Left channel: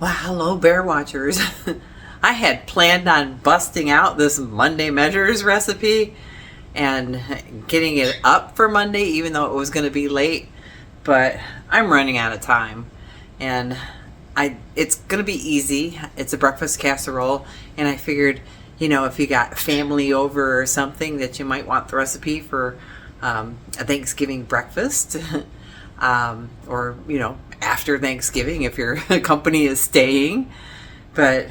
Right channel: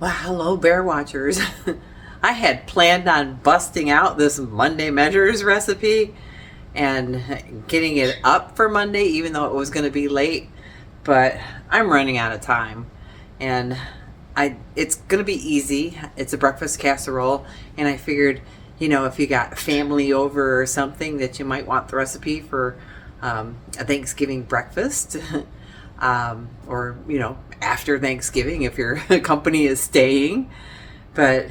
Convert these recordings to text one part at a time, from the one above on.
Well, hello, Bear Watchers. I had planned on busting out this Monday Measures recipe and getting it up for Monday, even though it was going to be late. But I'm running out of time, and it's going to be easy. It's a breakfast casserole, and I figured, if you got family over or something, that you might want the recipe for a Thanksgiving breakfast. Or after Thanksgiving if your company is staying. But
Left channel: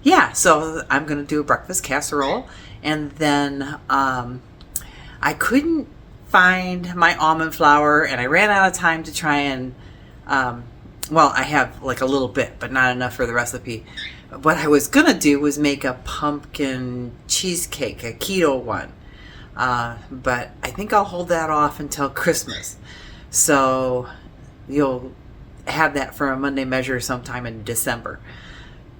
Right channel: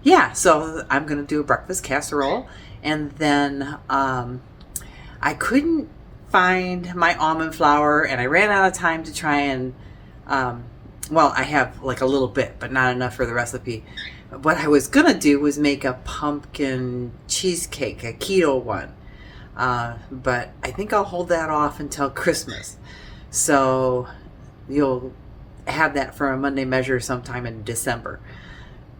yeah, so I'm gonna do a breakfast casserole, and then I couldn't find my almond flour, and I ran out of time to try and I have like a little bit, but not enough for the recipe. What I was gonna do was make a pumpkin cheesecake, a keto one, but I think I'll hold that off until Christmas. So you'll have that for a Monday Measure sometime in December.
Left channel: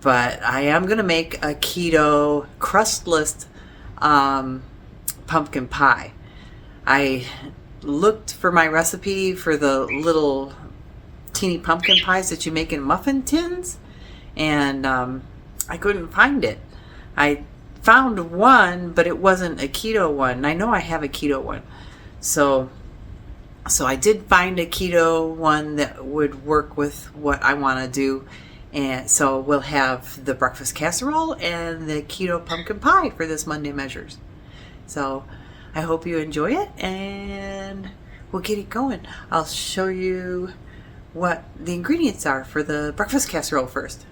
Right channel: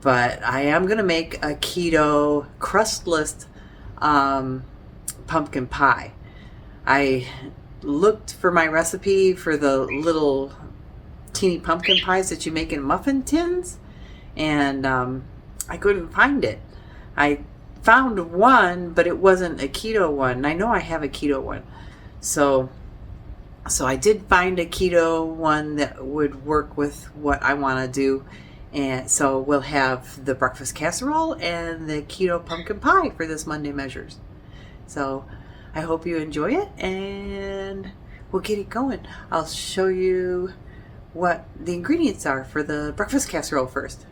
But I am going to make a keto crustless pumpkin pie. I looked for my recipe for the little teeny pumpkin pies that you make in muffin tins, and I couldn't find it. I found one, but it wasn't a keto one. I know I have a keto one. So I did find a keto one that would work with what I want to do. And so we'll have the breakfast casserole and the keto pumpkin pie for this Monday Measures. So I hope you enjoy it, and we'll get it going. I'll show you what the ingredients are for the breakfast casserole first.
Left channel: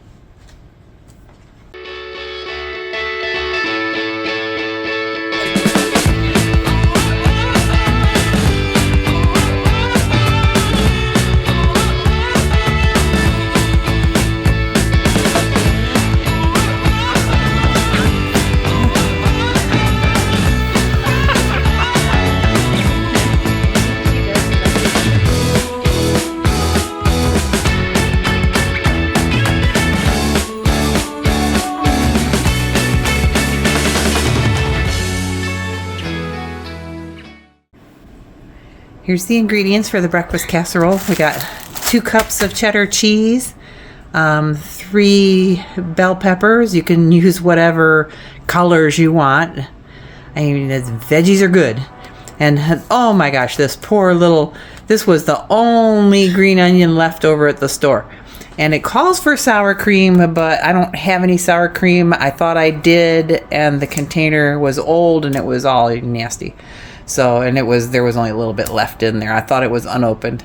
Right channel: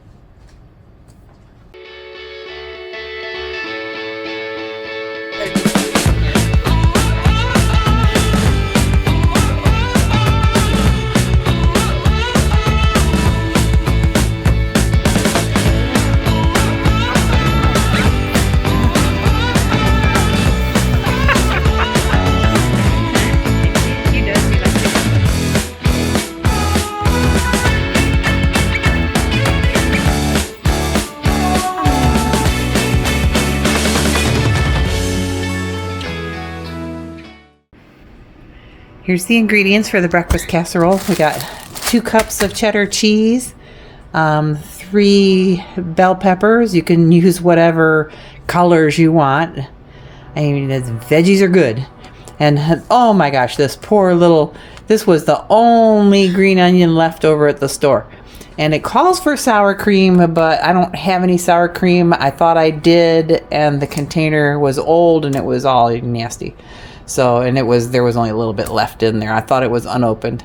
Here's the ingredients for the breakfast casserole. We got 2 cups of cheddar cheese, 3 bell peppers. You can use whatever colors you want. I mean, the veggies are good. And oh my gosh, this was the only green onion left over at the store. And it calls for sour cream, but I don't have any sour cream. I thought I did, and the container was old and it was all nasty. So, and there was only a little bit left in there. I thought it was unopened.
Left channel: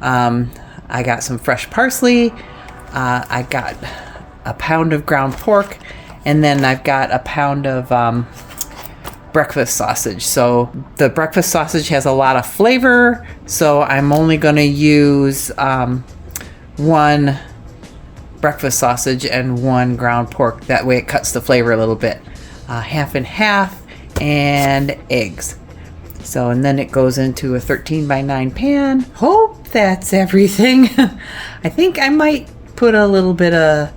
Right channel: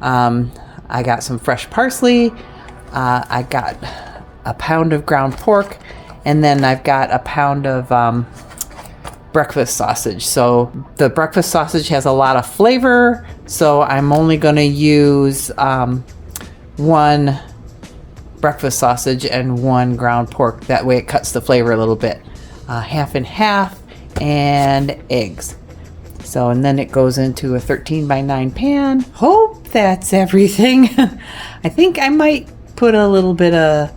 I got some fresh parsley. I got a pound of ground pork, and then I've got a pound of breakfast sausage. So the breakfast sausage has a lot of flavor, so I'm only going to use 1 breakfast sausage and 1 ground pork. That way it cuts the flavor a little bit. Half and half, and eggs. So, and then it goes into a 13 by 9 pan. Hope that's everything. I think I might put a little bit of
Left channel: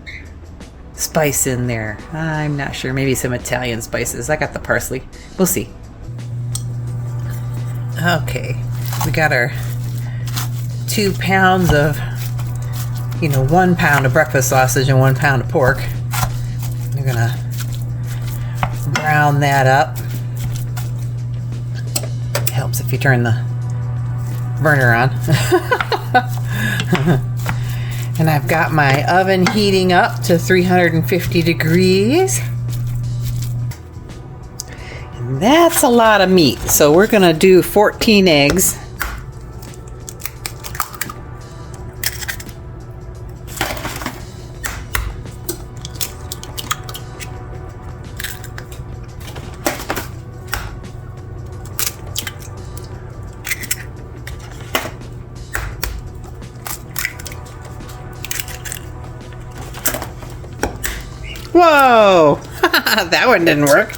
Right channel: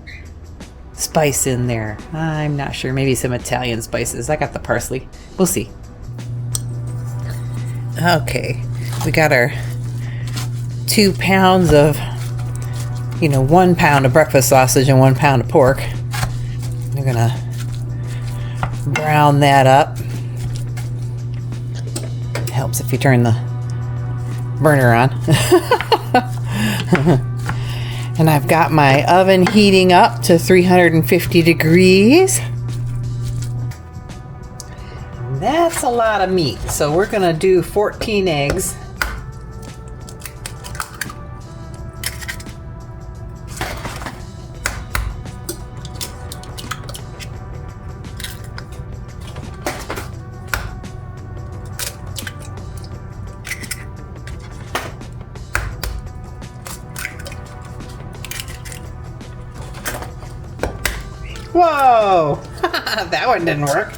spice in there. I'm not sure. Maybe some Italian spices. I got the parsley. We'll see. Okay. We got our 2 pounds of, 1 pound of breakfast sausage and 1 pound of pork. We're going to brown that up. Helps if you turn the burner on. And I've got my oven heating up to 350 degrees. And that's a lot of meat. So we're going to do 14 eggs. Whoa! That one didn't work.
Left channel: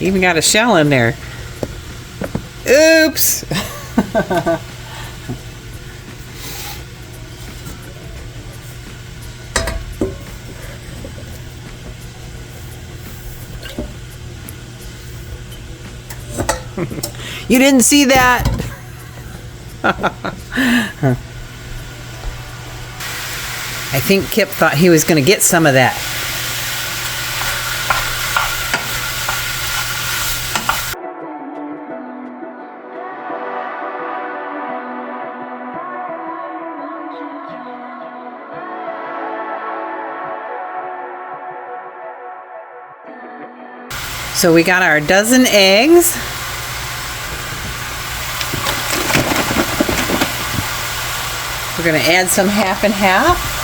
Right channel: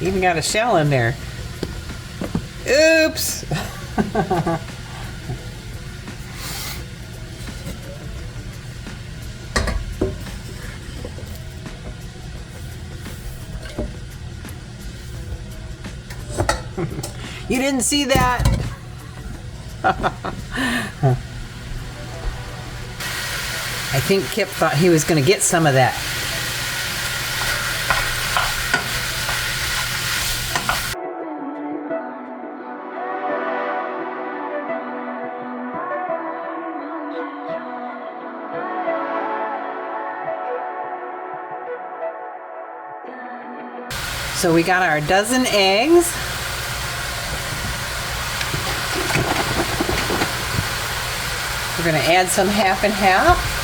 Even got a shell in there. Oops! You didn't see that? I think Kip thought he was going to get some of that. So we got our dozen eggs. We're going to add some half and half.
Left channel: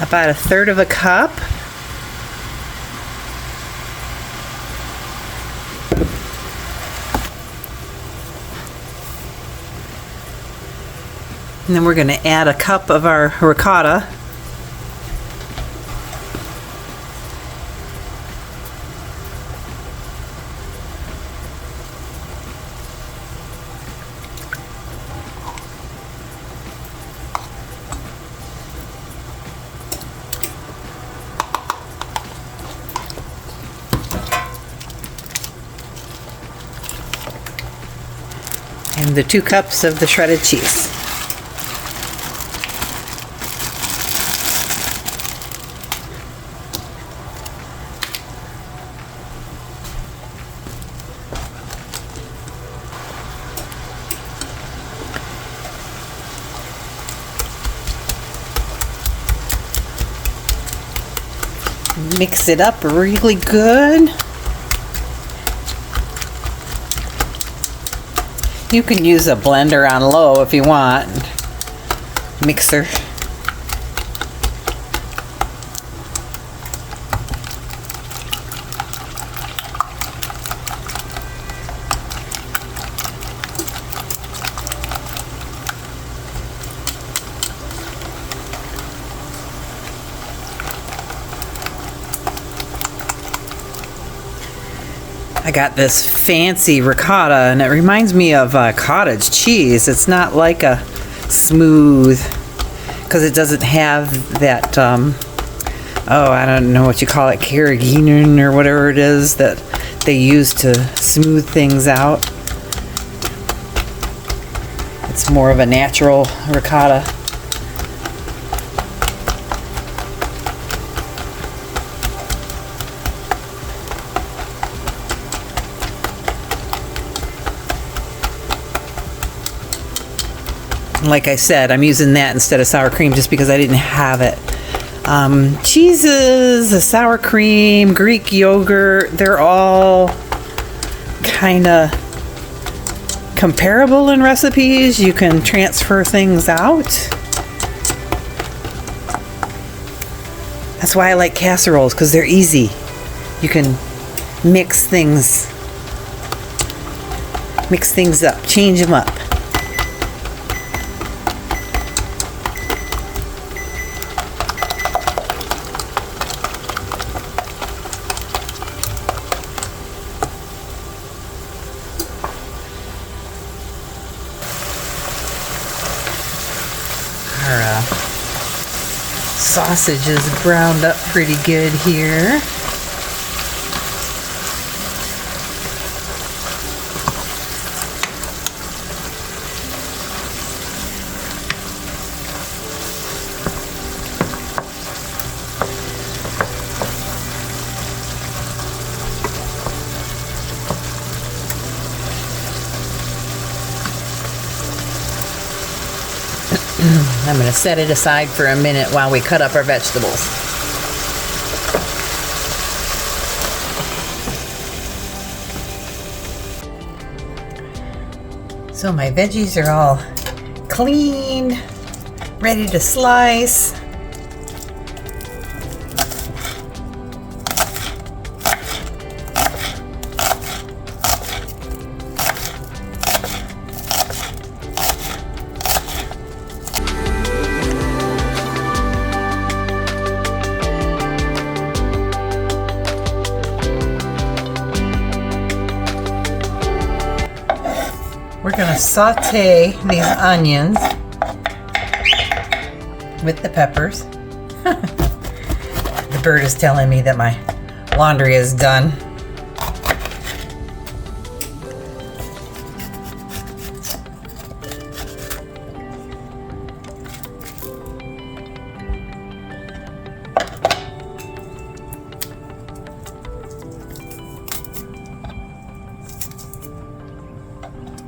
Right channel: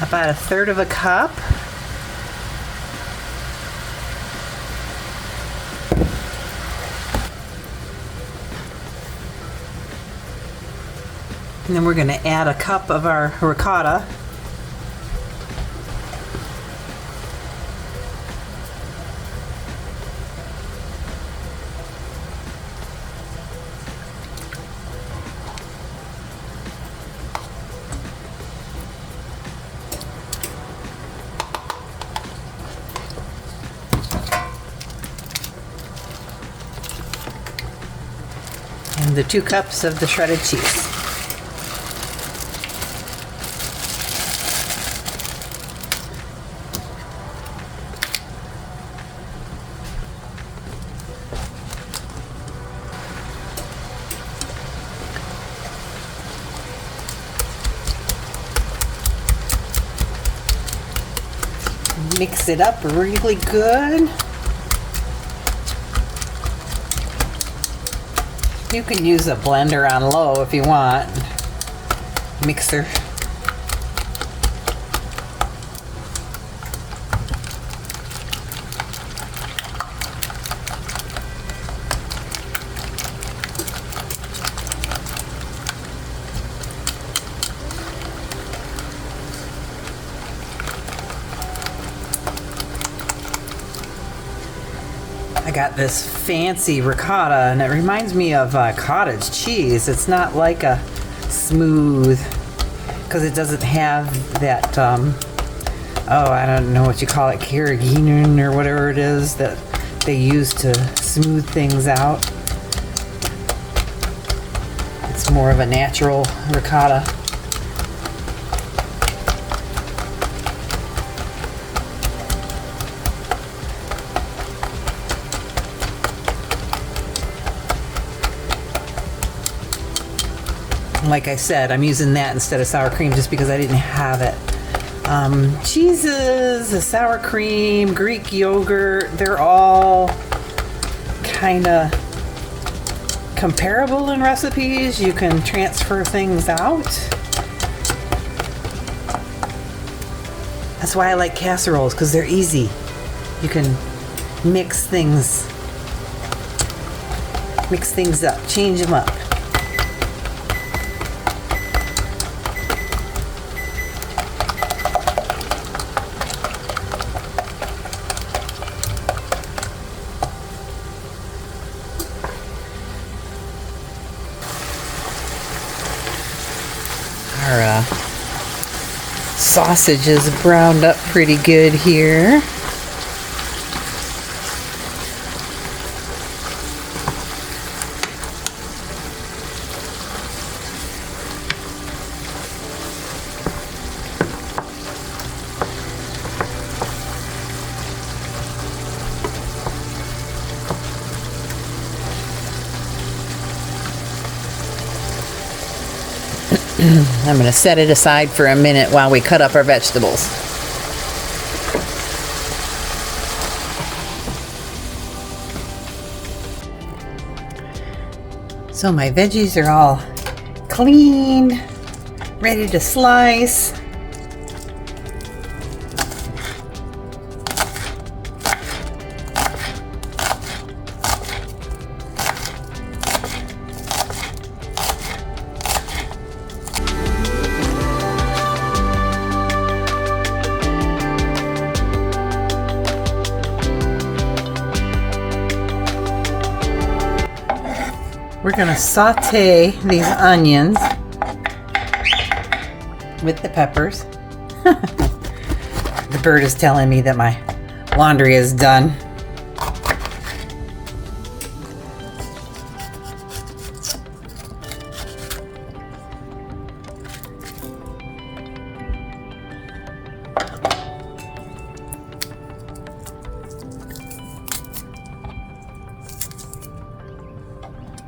About 1/3 of a cup. And then we're going to add a cup of our ricotta. And the 2 cups of the shredded cheese. Mix it up really good. You can use a blender on low if you want. Mixer. I got this fancy ricotta, and it reminds me of cottage cheese. It's not like a smooth, because it doesn't have that, oh, I don't know what you call it, carrageenan or whatever it is that they use to smooth things out. It's more of a natural ricotta. Like I said, I'm using that instead of sour cream just because I didn't have it. Cheeses, the sour cream, Greek yogurt, they're all kind of comparable in recipes. You can transfer things out. That's why I like casseroles, because they're easy. You can mix things up, change them up. Our sausage is browned up pretty good here. I'm going to set it aside for a minute while we cut up our vegetables. So my veggies are all cleaned, ready to slice. gonna saute these onions with the peppers. The bird is telling me that my laundry is done.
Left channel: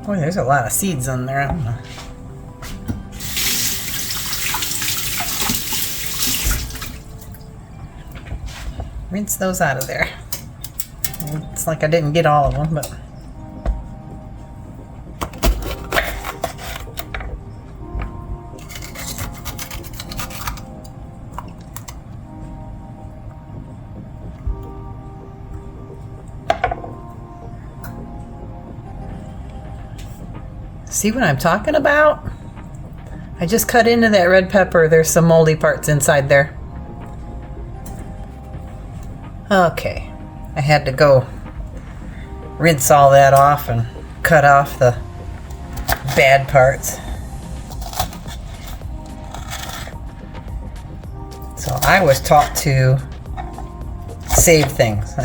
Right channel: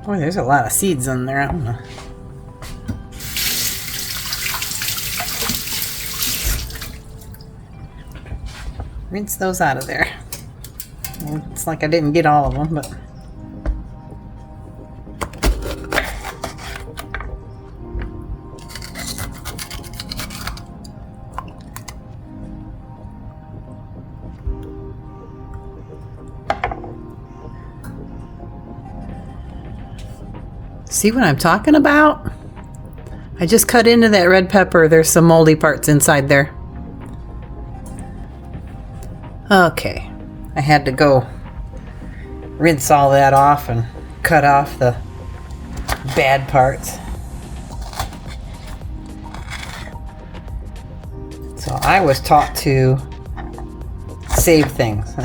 Oh, there's a lot of seeds in there. Rinse those out of there. It's like I didn't get all of them, but see what I'm talking about? I just cut into that red pepper. There's some moldy parts inside there. Okay, I had to go rinse all that off and cut off the bad parts. So I was taught to save things,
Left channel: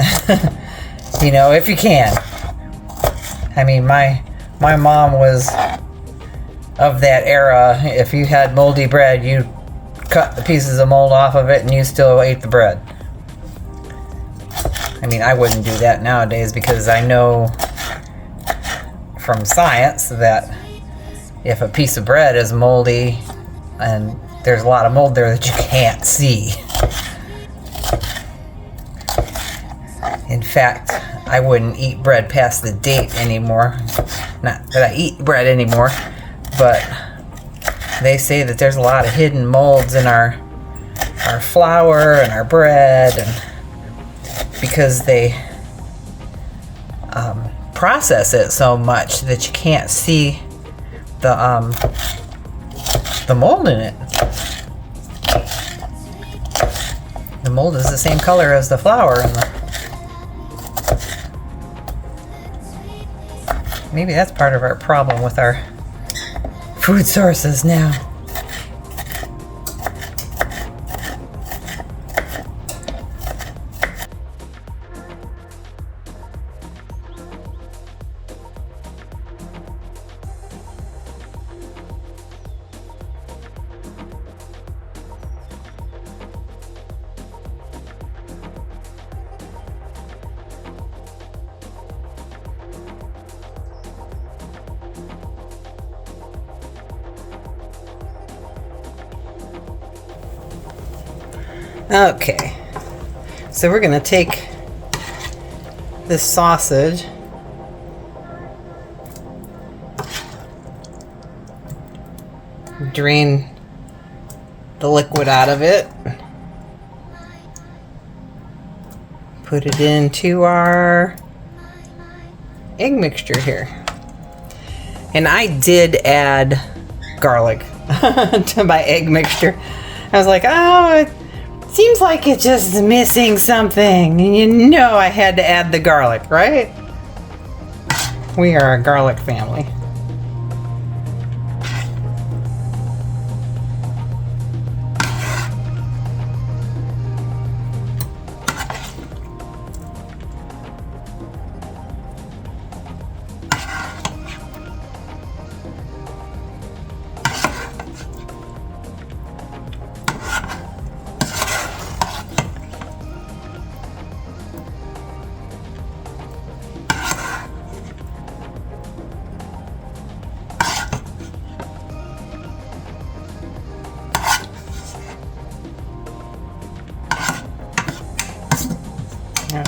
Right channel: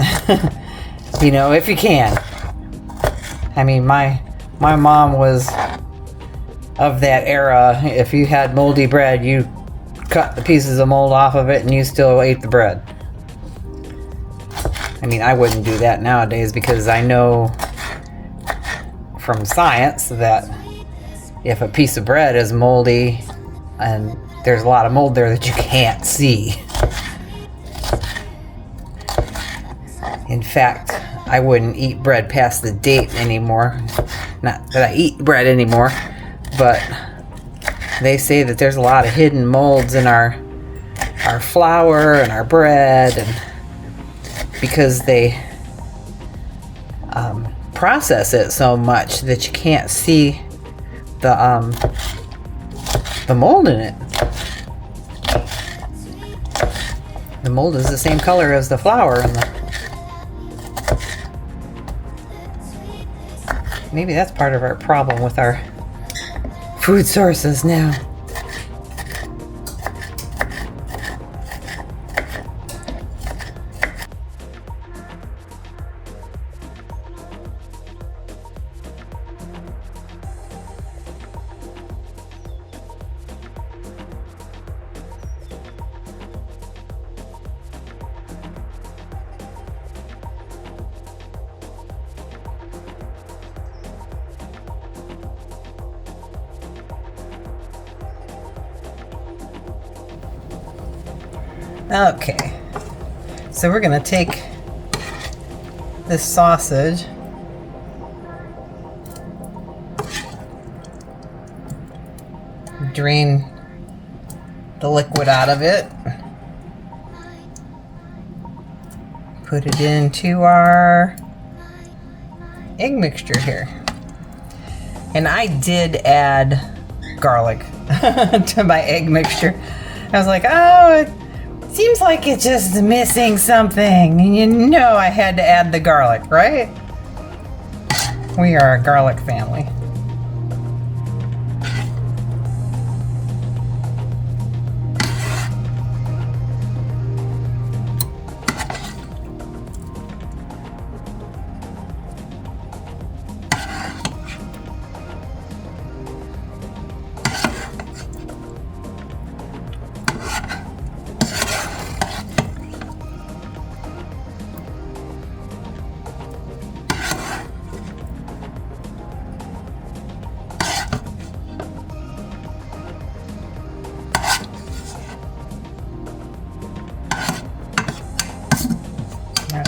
you know, if you can. I mean, my mom was of that era. If you had moldy bread, you cut the pieces of mold off of it and you still ate the bread. I mean, I wouldn't do that nowadays because I know from science that if a piece of bread is moldy and there's a lot of mold there that you can't see. In fact, I wouldn't eat bread past the date anymore. Not that I eat bread anymore, but they say that there's a lot of hidden molds in our flour and our bread, and because they process it so much that you can't see the mold in it. The mold is the same color as the flour, and maybe that's part of our problem with our food sources now. Okay, so we're gonna take this sausage, drain the liquid out of it, put it into our egg mixture here. And I did add garlic to my egg mixture. I was like, oh, it seems like it's just missing something. And you know I had to add the garlic, right? We are a garlic family.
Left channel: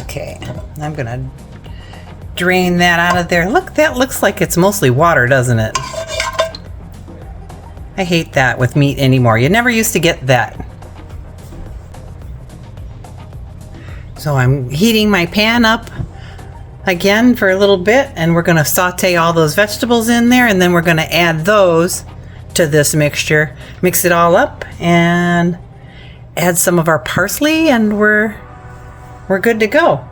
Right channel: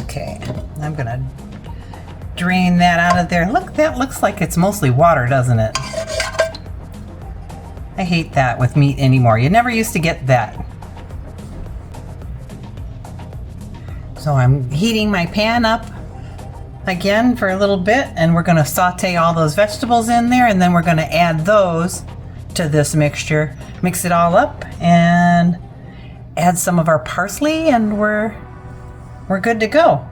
Okay, I'm gonna drain that out of there. Look, that looks like it's mostly water, doesn't it? I hate that with meat anymore. You never used to get that. So I'm heating my pan up again for a little bit, and we're gonna saute all those vegetables in there, and then we're gonna add those to this mixture. Mix it all up and add some of our parsley, and we're good to go.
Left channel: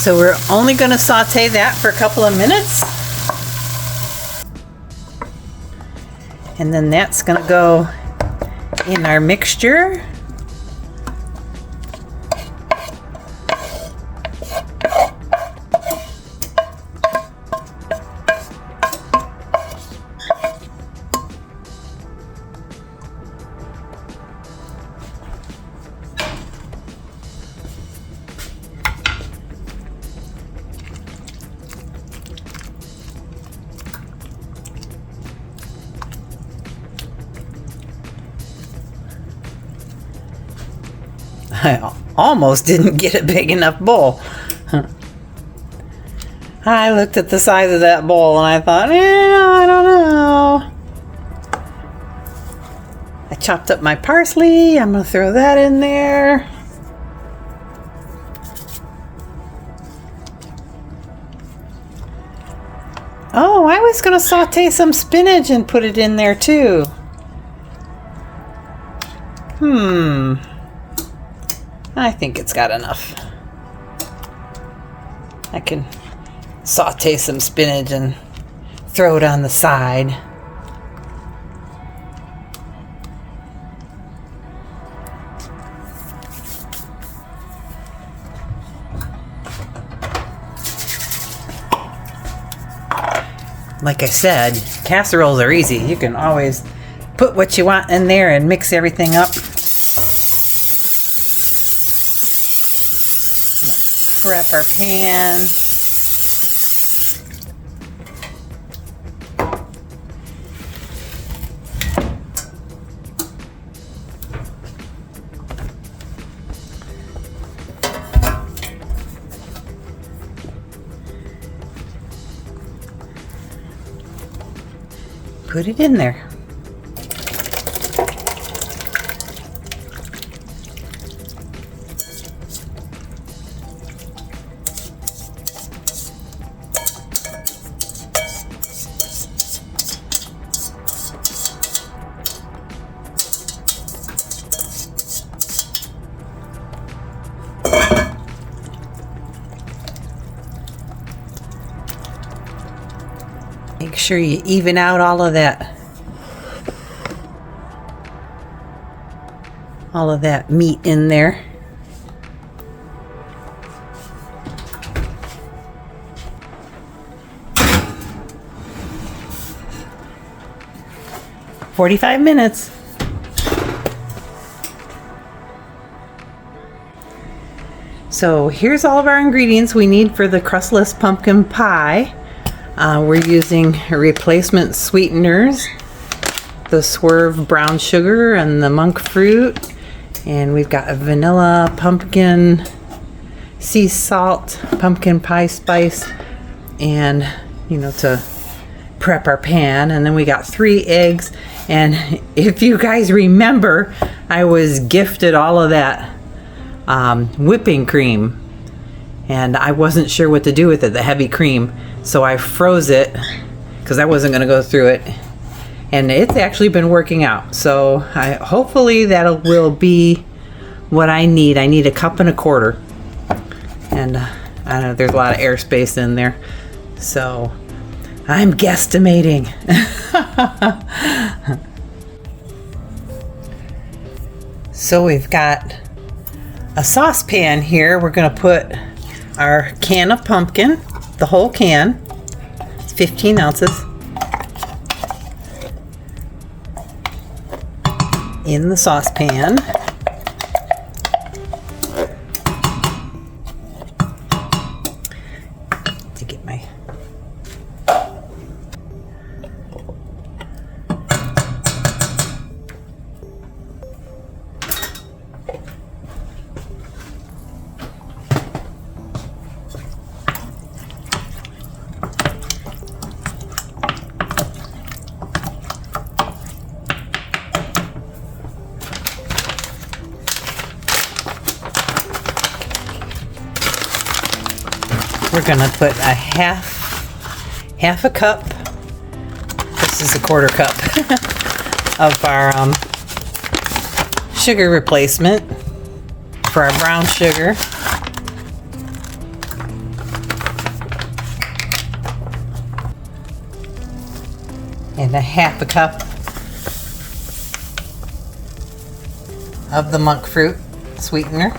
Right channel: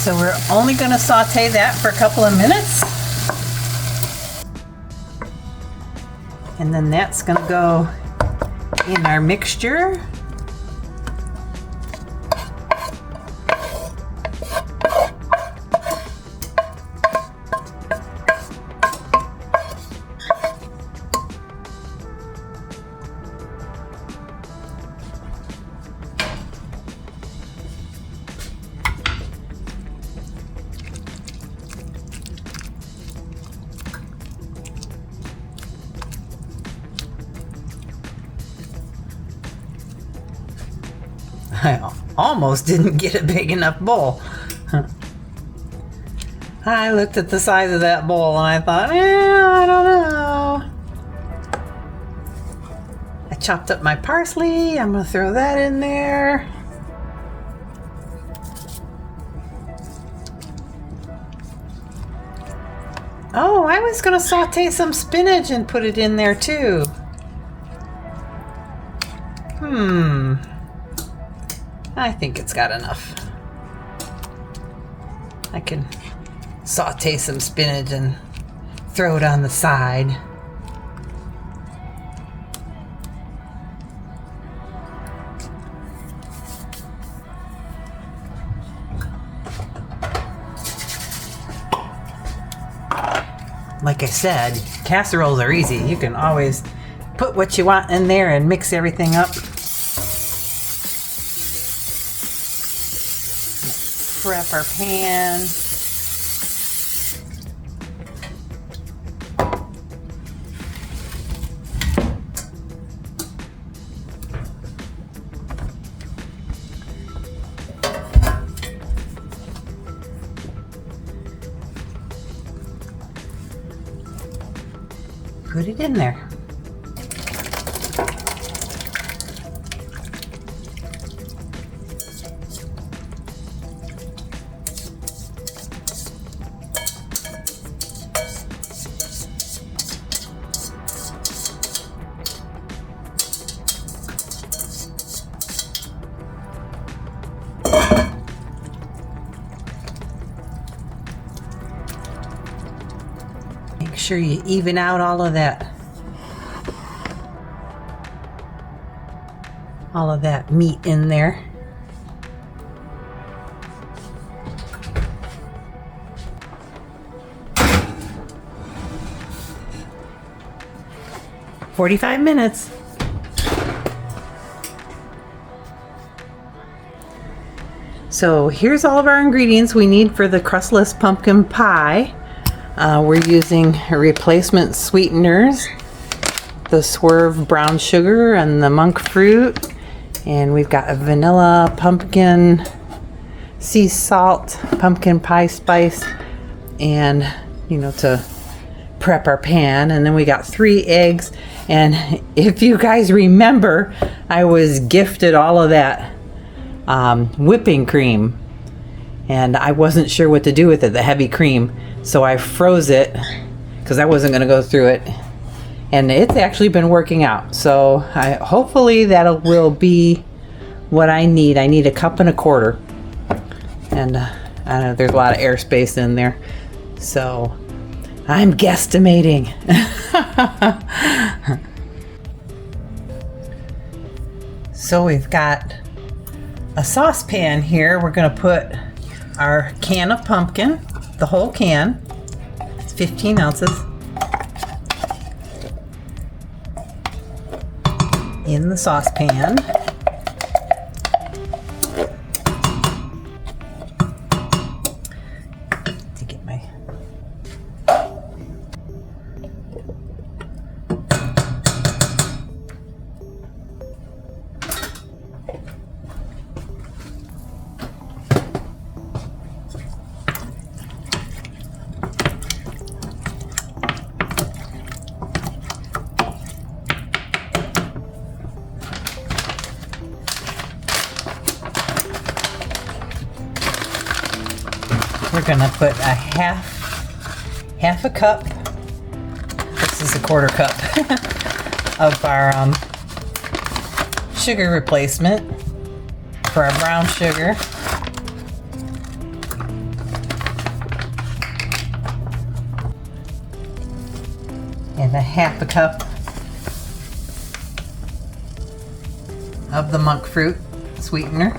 So we're only going to saute that for a couple of minutes. And then that's going to go in our mixture. I almost didn't get a big enough bowl. I looked at the size of that bowl and I thought, I don't know. I chopped up my parsley. I'm going to throw that in there. Oh, I was going to saute some spinach and put it in there too. I think it's got enough. I can saute some spinach and throw it on the side. Like I said, casseroles are easy. You can always put what you want in there and mix everything up. Prep our pan. Put it in there. Make sure you even out all of that meat in there. "45 minutes. So here's all of our ingredients we need for the crustless pumpkin pie. We're using replacement sweeteners, the Swerve brown sugar and the monk fruit, and we've got a vanilla, pumpkin, sea salt, pumpkin pie spice, and to prep our pan. And then we got 3 eggs, and if you guys remember, I was gifted all of that whipping cream, and I wasn't sure what to do with it, the heavy cream, so I froze it because I wasn't going to go through it, and it's actually been working out. So hopefully that will be what I need. I need 1.25 cups, and I don't know, there's a lot of airspace in there, so I'm guesstimating. So we've got a saucepan here. We're going to put our can of pumpkin, the whole can. It's 15 ounces. In the saucepan. To get my we're gonna put a half a cup. This is a 1/4 cup of our sugar replacement for our brown sugar. And a half a cup of the monk fruit sweetener.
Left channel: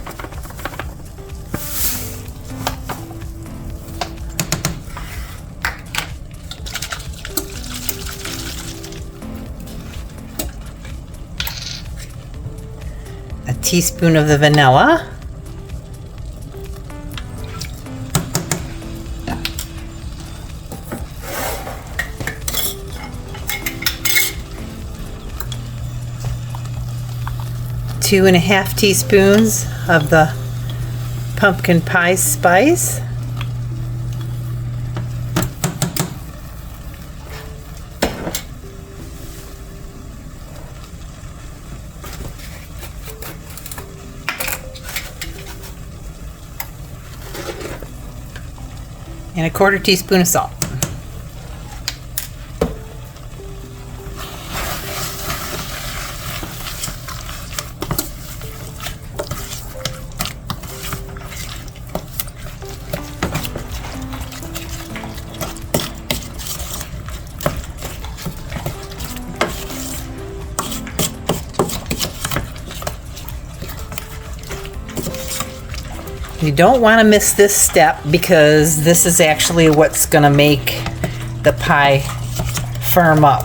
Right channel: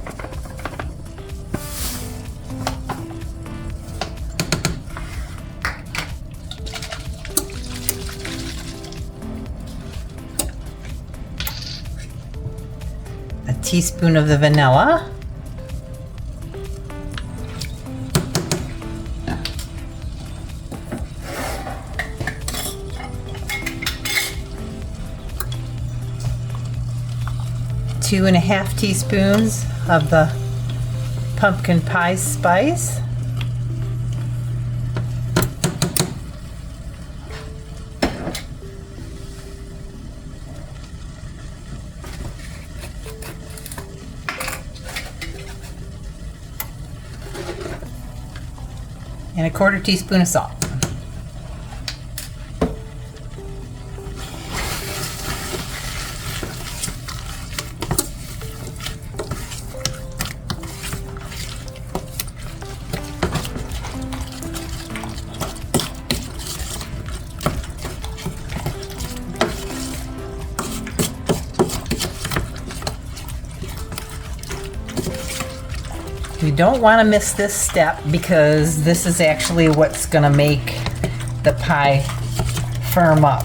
A teaspoon of the vanilla. Two and a half teaspoons of the pumpkin pie spice. And a quarter teaspoon of salt. You don't want to miss this step because this is actually what's going to make the pie firm up.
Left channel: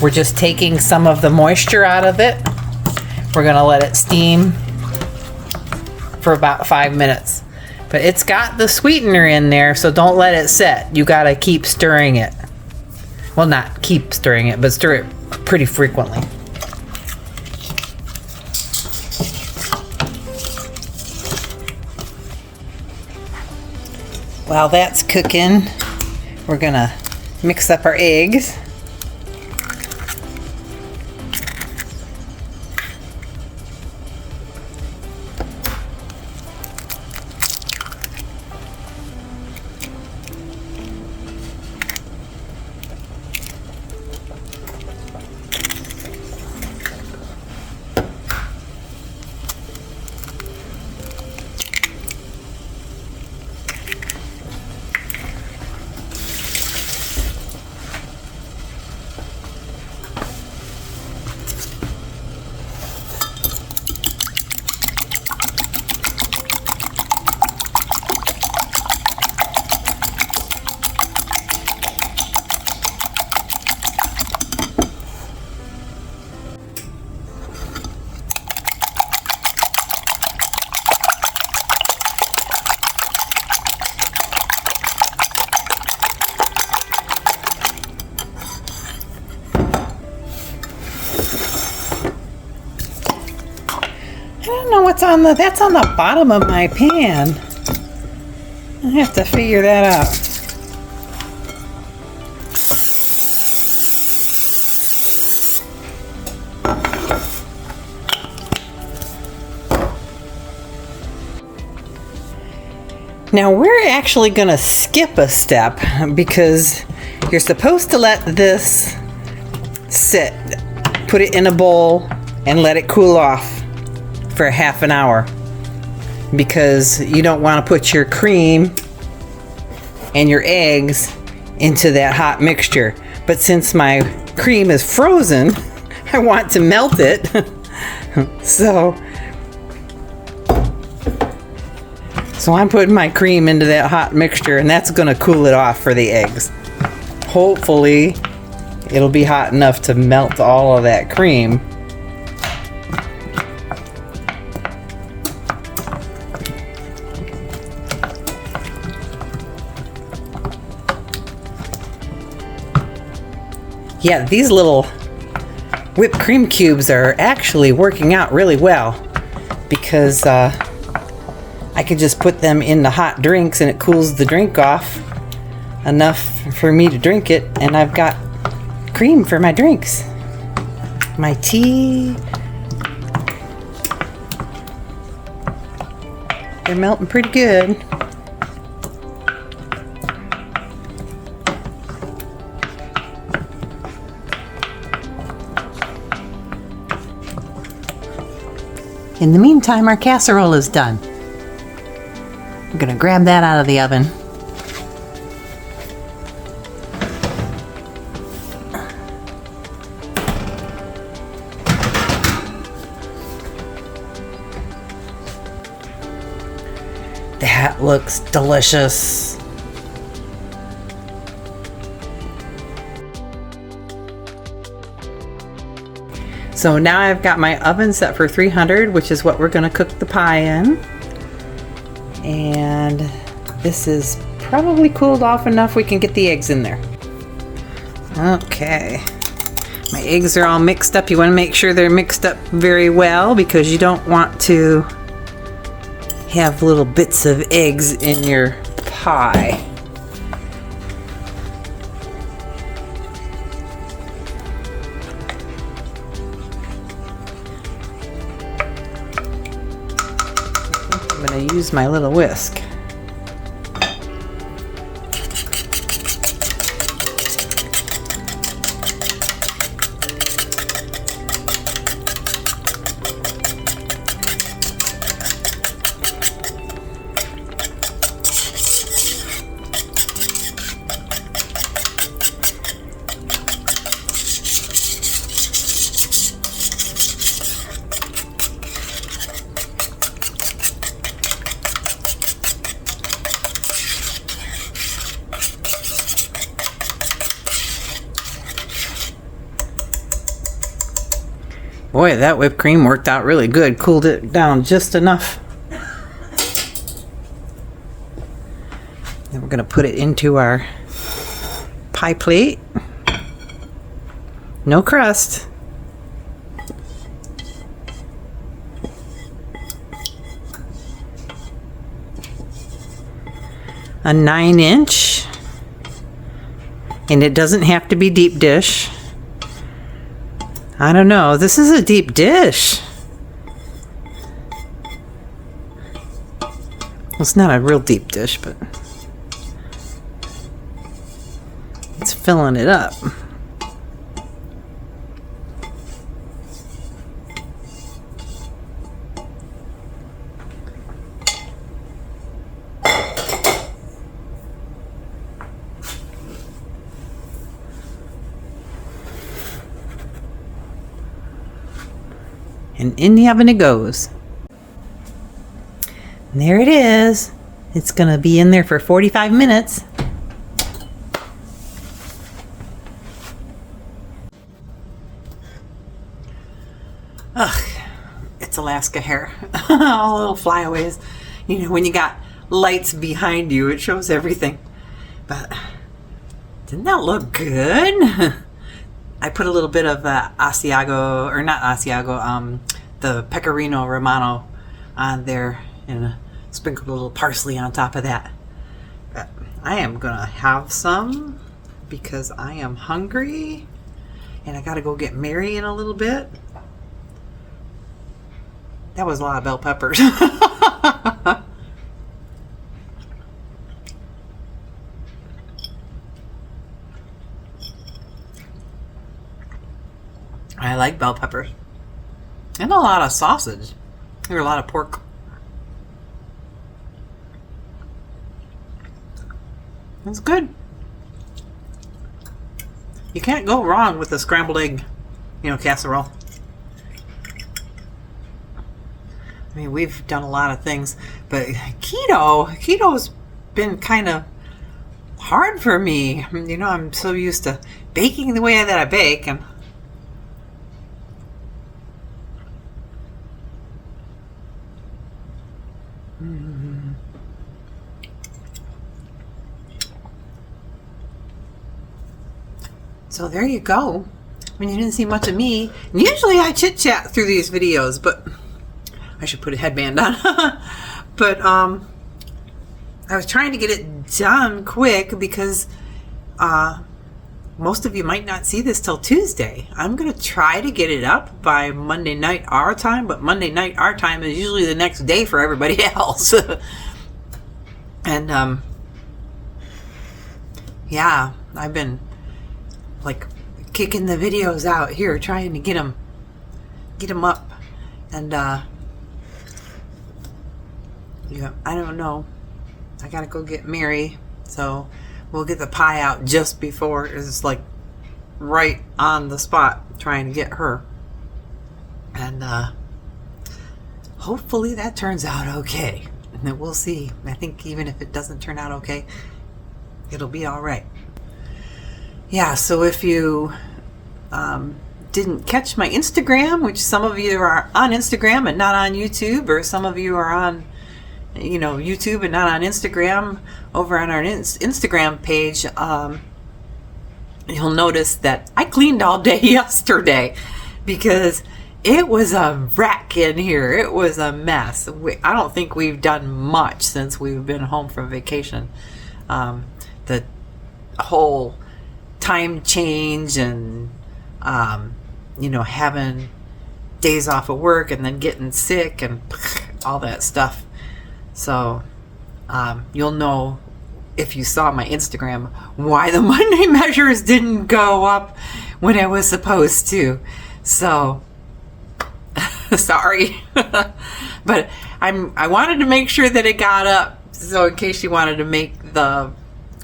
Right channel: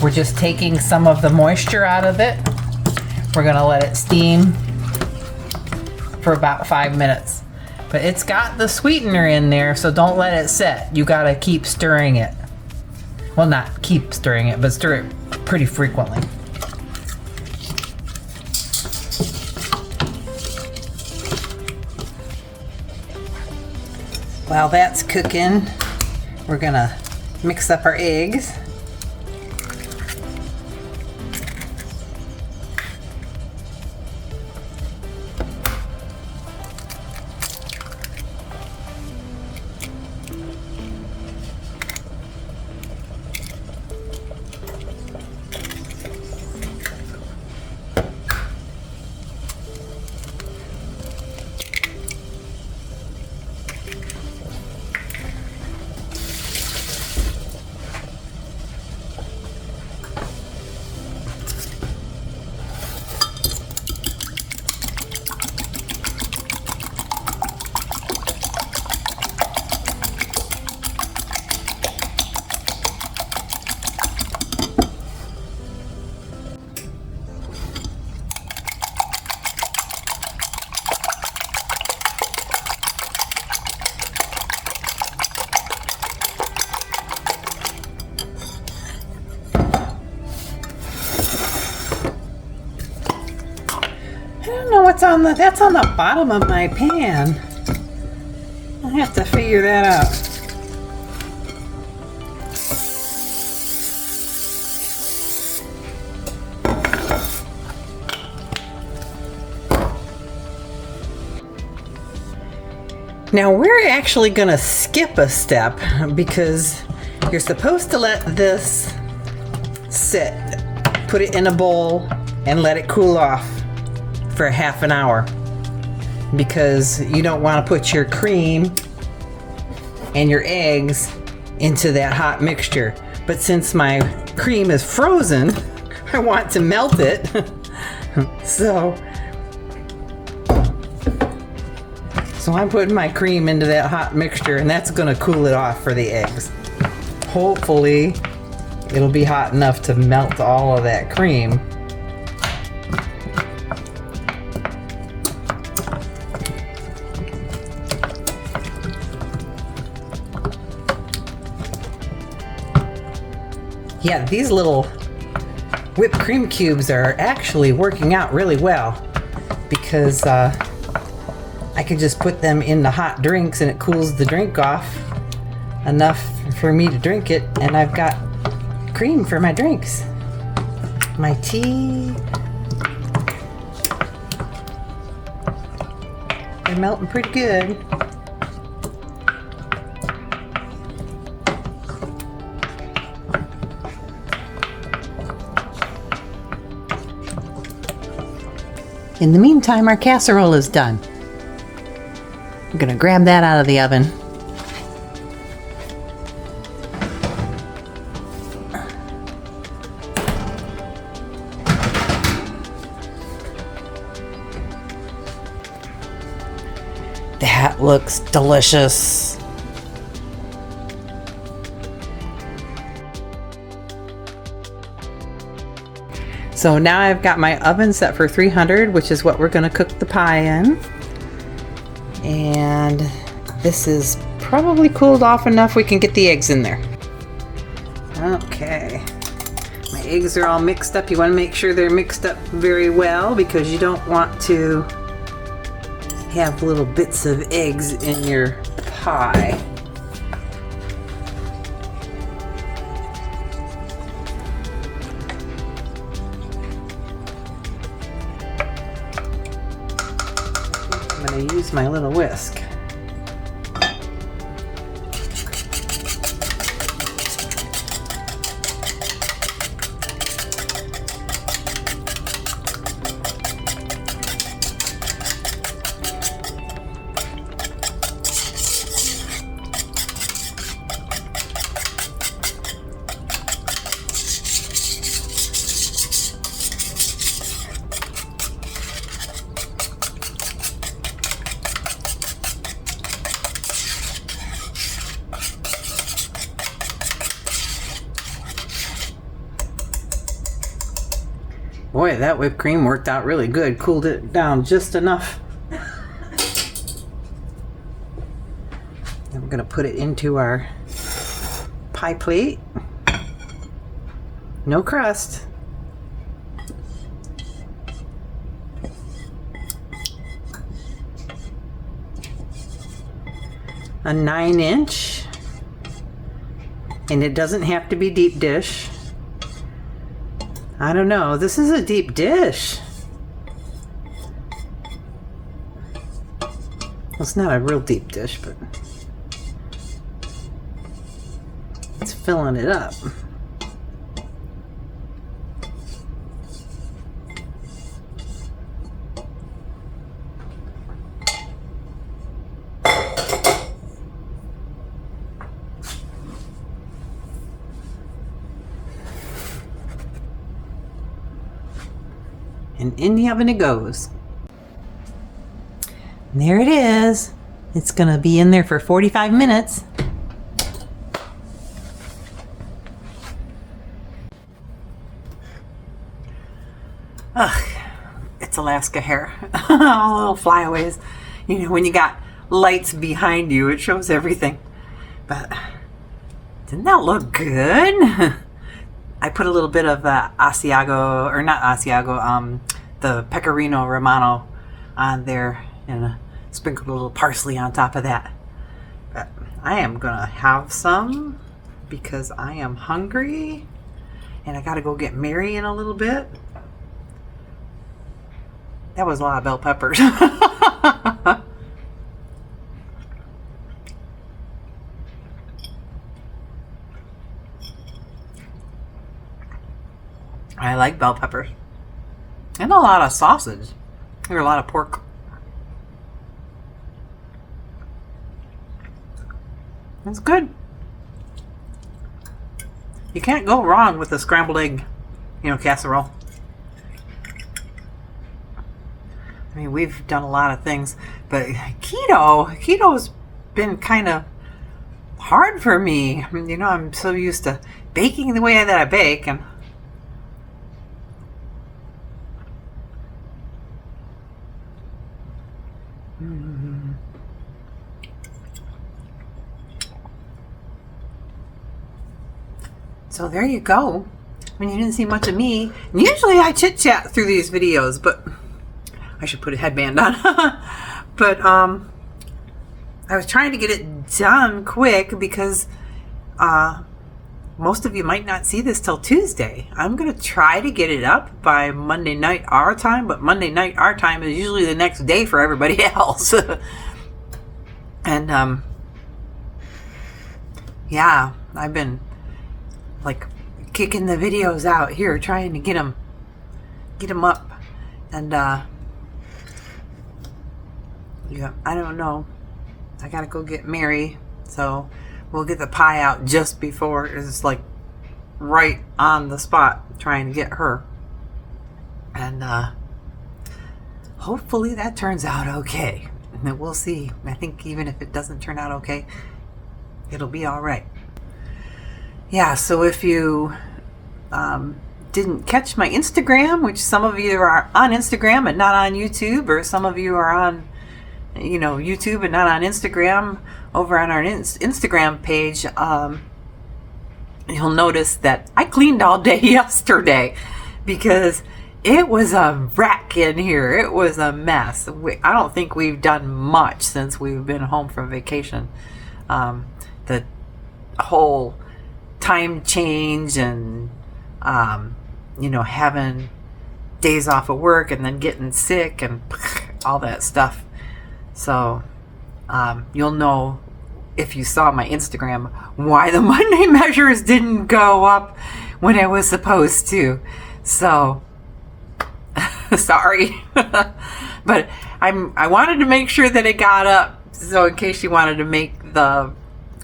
We're just taking some of the moisture out of it. We're going to let it steam for about 5 minutes. But it's got the sweetener in there, so don't let it set. You got to keep stirring it. Well, not keep stirring it, but stir it pretty frequently. While that's cooking, we're gonna mix up our eggs. I don't know what's on that's on the bottom of my pan. I have to figure that out. Now we're actually going to skip a step because you're supposed to let this sit, put it in a bowl and let it cool off for half an hour because you don't want to put your cream and your eggs into that hot mixture. But since my cream is frozen, I want to melt it. So I'm putting my cream into that hot mixture and that's going to cool it off for the eggs. Hopefully it'll be hot enough to melt all of that cream. Yeah, these little whipped cream cubes are actually working out really well because I could just put them in the hot drinks and it cools the drink off enough for me to drink it, and I've got cream for my drinks. My tea. They're melting pretty good. In the meantime, our casserole is done. I'm gonna grab that out of the oven. That looks delicious. So now I've got my oven set for 300, which is what we're going to cook the pie in. And this is probably cooled off enough we can get the eggs in there. Okay. My eggs are all mixed up. You want to make sure they're mixed up very well because you don't want to have little bits of eggs in your pie. I'm going to use my little whisk. Boy, that whipped cream worked out really good. Cooled it down just enough. Then we're going to put it into our pie plate. No crust. A 9-inch. And it doesn't have to be deep dish. I don't know. This is a deep dish. It's not a real deep dish, but it's filling it up. And in the oven it goes. And there it is. It's gonna be in there for 45 minutes. Ugh, it's Alaska hair. All little flyaways. You know, when you got lights behind you, it shows everything. But didn't that look good? I put a little bit of Asiago, or not Asiago, the Pecorino Romano on there and sprinkled a little parsley on top of that. But I am gonna have some because I am hungry and I gotta go get Mary in a little bit. That was a lot of bell peppers. I like bell peppers. And a lot of sausage. Or a lot of pork. It's good. You can't go wrong with a scrambled egg, casserole. I mean, we've done a lot of things, but keto's been kind of hard for me. I'm so used to baking the way that I bake, and so there you go. I mean, you didn't see much of me. And usually I chit chat through these videos, but I should put a headband on. But I was trying to get it done quick because most of you might not see this till Tuesday. I'm going to try to get it up by Monday night our time, but Monday night our time is usually the next day for everybody else. And yeah, I've been like kicking the videos out here, trying to get them up. And yeah, I don't know. I gotta go get Mary, so we'll get the pie out just before. It's like right on the spot trying to get her. And hopefully that turns out okay. we'll see. I think even if it doesn't turn out okay, it'll be all right. Yeah, so if you didn't catch my Instagram, which some of you are on Instagram and not on YouTube, or some of you are on YouTube and not on Instagram, over on our Instagram page, you'll notice that I cleaned all day yesterday because it was a wreck in here. It was a mess. I don't think we've done much since we've been home from vacation. The whole time change and having days off of work and then getting sick and all that stuff. So you'll know if you saw my Instagram why the Monday measures didn't go up when it was supposed to. So sorry. But I wanted to make sure that it got up, so in case you wanted to make the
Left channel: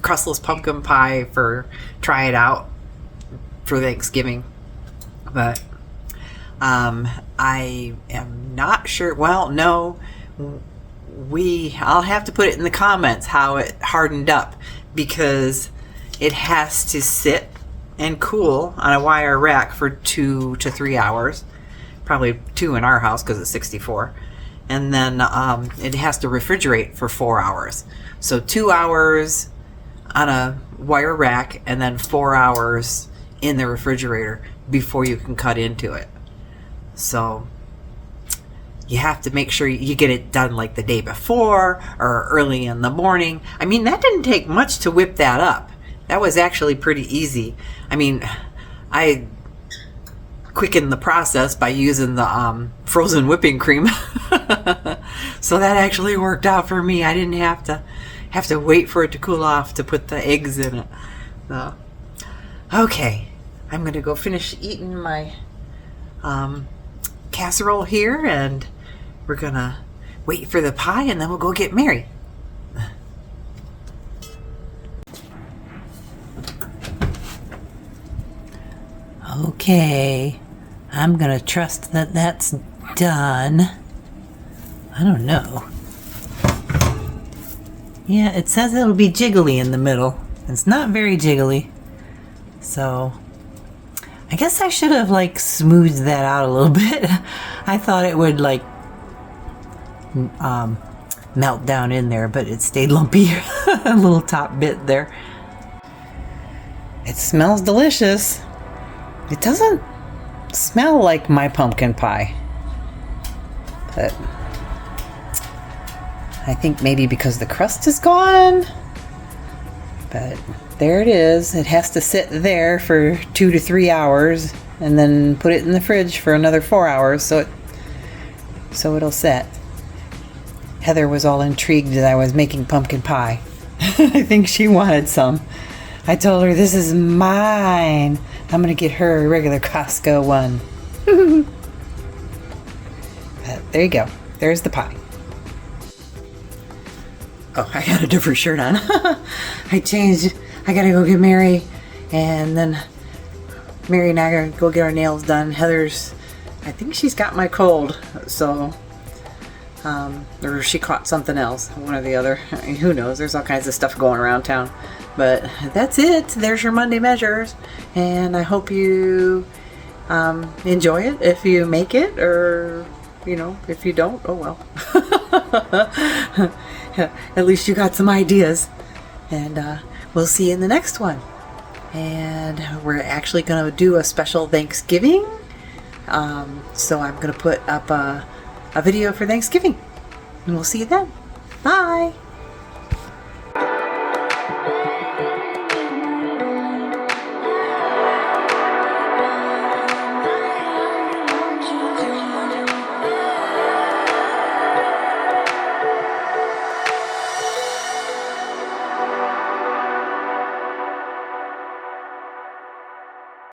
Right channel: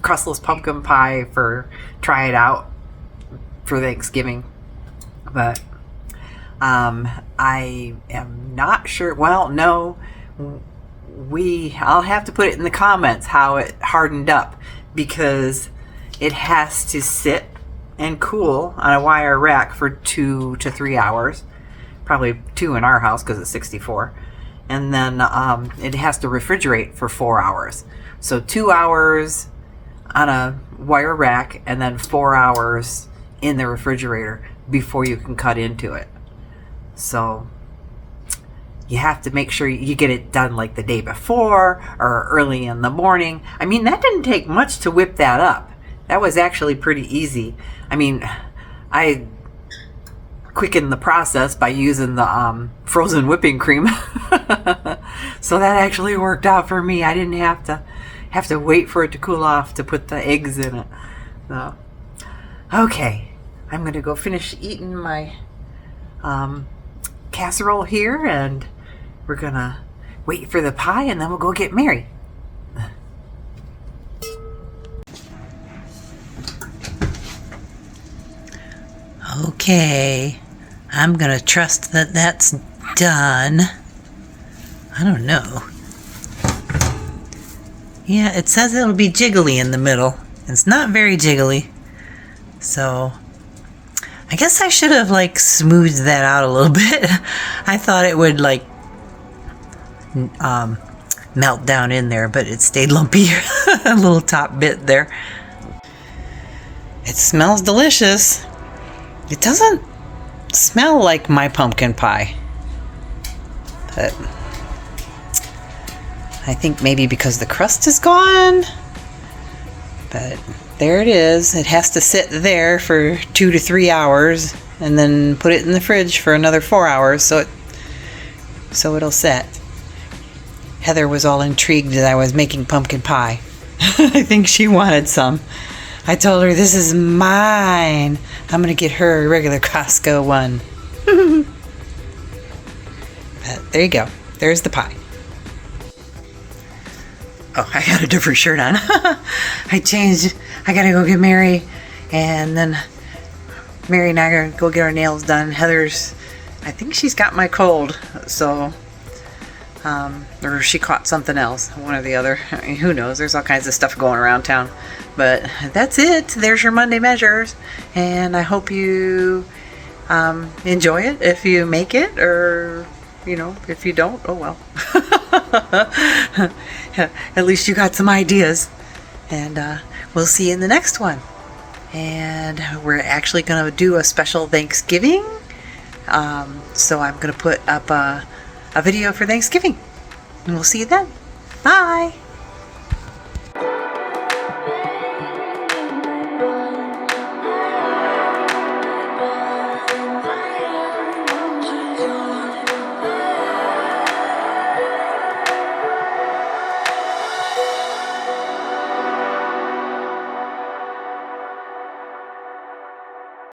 Crustless pumpkin pie try it out for Thanksgiving. But I am not sure. Well, no, I'll have to put it in the comments how it hardened up, because it has to sit and cool on a wire rack for 2 to 3 hours, probably 2 in our house because it's 64, and then it has to refrigerate for 4 hours. So 2 hours on a wire rack and then 4 hours in the refrigerator before you can cut into it. So you have to make sure you get it done like the day before or early in the morning. I mean, that didn't take much to whip that up. That was actually pretty easy. I mean, I quickened the process by using the frozen whipping cream. So that actually worked out for me. I didn't have to wait for it to cool off to put the eggs in it. So, okay, I'm going to go finish eating my casserole here, and we're going to wait for the pie, and then we'll go get Mary. Okay, I'm going to trust that that's done. I don't know. Yeah, it says it'll be jiggly in the middle. It's not very jiggly. So I guess I should have smoothed that out a little bit. I thought it would melt down in there, but it stayed lumpy. A little top bit there. It smells delicious. It doesn't smell like my pumpkin pie, but I think maybe because the crust is gone. But there it is. It has to sit there for 2 to 3 hours and then put it in the fridge for another 4 hours so it'll set. Heather was all intrigued that I was making pumpkin pie. I think she wanted some. I told her, this is mine. I'm going to get her a regular Costco one. But there you go. There's the pie. Oh, I got a different shirt on. I changed. I got to go get Mary. And then Mary and I are going to go get our nails done. Heather's, I think she's got my cold. So, or she caught something else. One or the other. I mean, who knows? There's all kinds of stuff going around town. But that's it. There's your Monday measures. And I hope you enjoy it if you make it. Or, if you don't, oh well. At least you got some ideas. And we'll see you in the next one. And we're actually going to do a special Thanksgiving. So I'm going to put up a video for Thanksgiving. And we'll see you then. Bye.